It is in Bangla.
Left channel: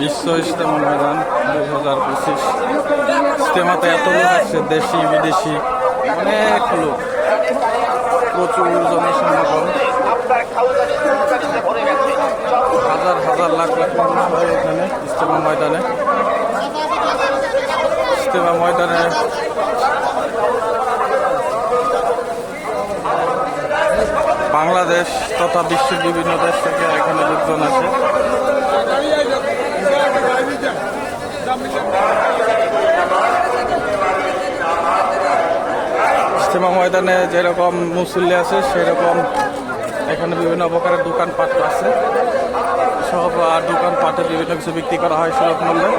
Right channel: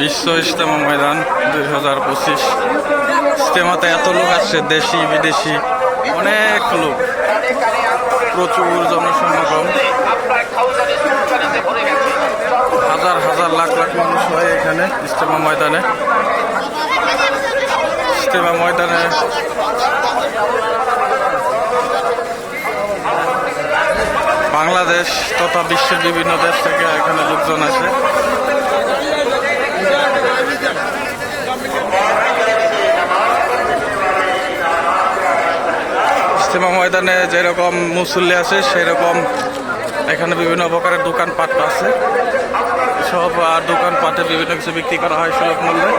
বিশ্ব ইজতেমা ময়দান দুই হাজার পঁচিশ। ইজতেমাতে এত লোক আসছে, দেশি, বিদেশি, অনেক লোক। প্রচুর জনসমাগম। হাজার হাজার, লাখ লাখ মানুষ হয় এখানে ইজতেমা ময়দানে। ইজতেমা ময়দানে বাংলাদেশ তথা বিশ্বের বিভিন্ন দেশ থেকে এখানে লোকজন আসে। ইজতেমা ময়দানে যেরকম মুসল্লি আছে, সেরকম এখানে বিভিন্ন প্রকারের দোকানপাট আছে। সব দোকানপাটে বিভিন্ন কিছু বিক্রি করা হয় সুলভ মূল্যে।